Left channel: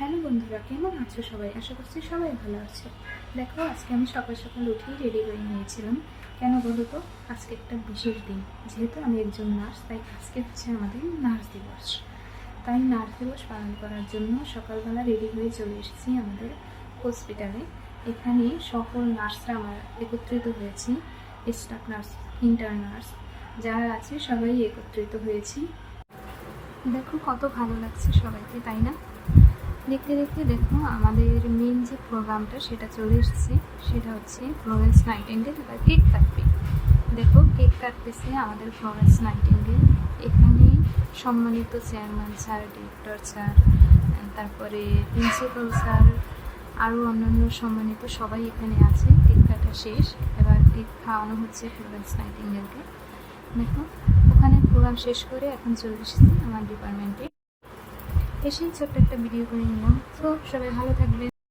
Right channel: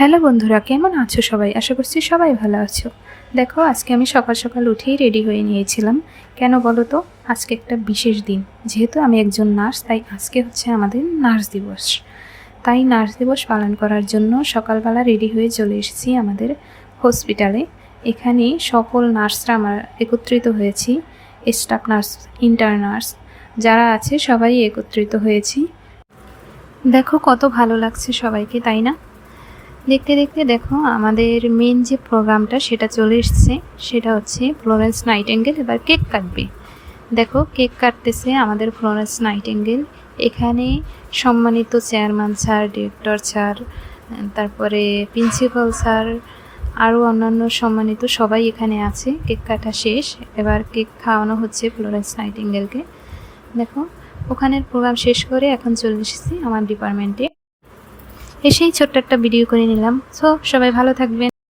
Hello বন্ধুরা, কেমন আছো সবাই? আশা করছি সবাই ভালো আছো। দেখো, আজকে আমি সকাল সকাল উঠেই রেডি হয়ে নিয়েছিলাম। কেন বলো তো? আজকে একটা বিশেষ দিন। যেহেতু আমি একজন নার্স, তাই আজকে হচ্ছে আমাদের নার্স দিবস। তাই নার্স দিবস পালন করার জন্য সকালবেলা রেডি হয়ে চলে এসেছি আমাদের হসপিটালে। এখানে সকল নার্সরা আমরা একত্রিত হয়েছি। স্টাফ নার্স, ইন্টার্ন নার্স যারা আছে সবাই একত্রিত হয়েছি। দেখো কত ভালো লাগছে সবাইকে, তাই না? দেখতে দেখতে দেখো আমাদের মেন যে প্রোগ্রামটা সেটা চলে এসছে। সেটা হচ্ছে ফ্লোরেন্স নাইটিঙ্গেল এবার কেক কাটবে। দেখো কেক কাটতেছে আমাদের ফ্লোরেন্স নাইটিঙ্গেল। এখানে সম্মানিত চেয়ারম্যান স্যার, ডিরেক্টর স্যার, তারপরে প্রিন্সিপাল স্যার, আরও অন্যান্য সম্মানিত সবাই এখানে আছে। কেক কাটা শেষ, এবার কেক খাওয়ানো হচ্ছে ফ্লোরেন্স নাইটিঙ্গেলকে। দেখো ওখানের প্রোগ্রাম শেষ করে এখন চলে এসেছি আমার ডিপার্টমেন্টে। এসেই ছোট্ট একটা ভিডিও করে নিলাম। সো সবাই ভালো থাকবেন।